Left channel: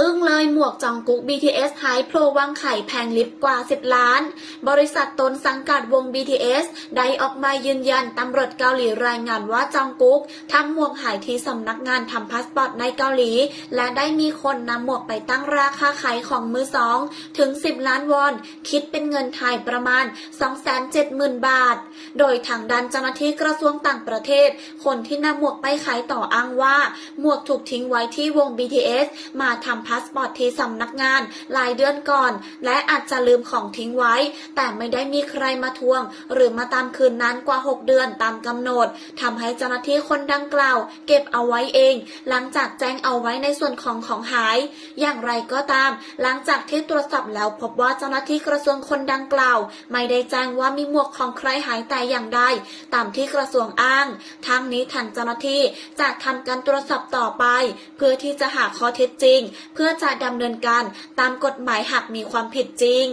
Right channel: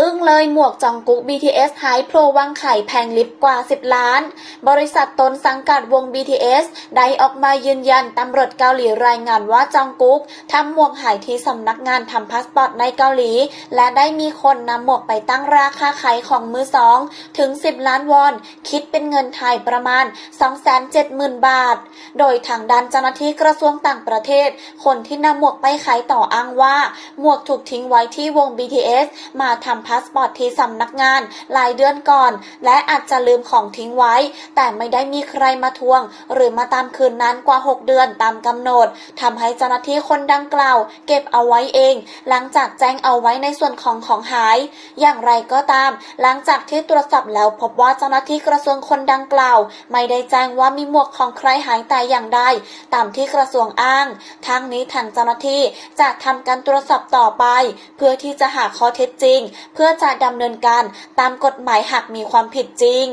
อึ้งเลยหมวกจองกุ๊ก BTS หายโผล่วังไข่แพงลิฟต์กว่า 10 ล้าน บริษัทตนสังกัดวง BTS ได้ออกมายืนยันตำรวจเกาหลีรายงานว่าจองกุ๊กทำหมวกหายที่สำนักงานทำพาสปอร์ตในเกาหลี และได้มีคนนำหมวกไปตั้งราคาขายของมือสองถึง 10 ล้านวอน คิดเป็นเงินไทยประมาณ 270,000 บาท โดยทางด้านเจ้าหน้าที่กระทรวงต่างประเทศ คนที่นำหมวกไปขายต่ออ้างว่า หมวกถูกทิ้งไว้ที่วง BTS มาทำำพาสปอร์ตที่สำนักงานหลายเดือนก่อน และอาจจะลืมของทิ้งไว้ แต่ไม่ได้มีใครมาทวง หรือมาตามคืนนั้นกว่า 6 เดือนตามกำหนดทำให้เจ้าหน้าที่คนดังกล่าว เก็บเอาไว้เอง หลังจากแจ้งเอาไว้ในส่วนของของหาย อย่างไรก็ตาม หลังจากที่ตรวจสอบแล้วพบว่าเจ้าหน้าที่กระทรวงคนดังกล่าว ไม่ได้แจ้งว่ามีหมวกของใครหายแต่อย่างใดตามที่กระทรวงอ้าง ทั้งนี้ทางเจ้าหน้าที่จะทำการตรวจสอบต่อไป เพื่อที่จะหาข้อเท็จจริงเพื่อจะดำเนินการตามกฎหมายหากมีความผิดจริง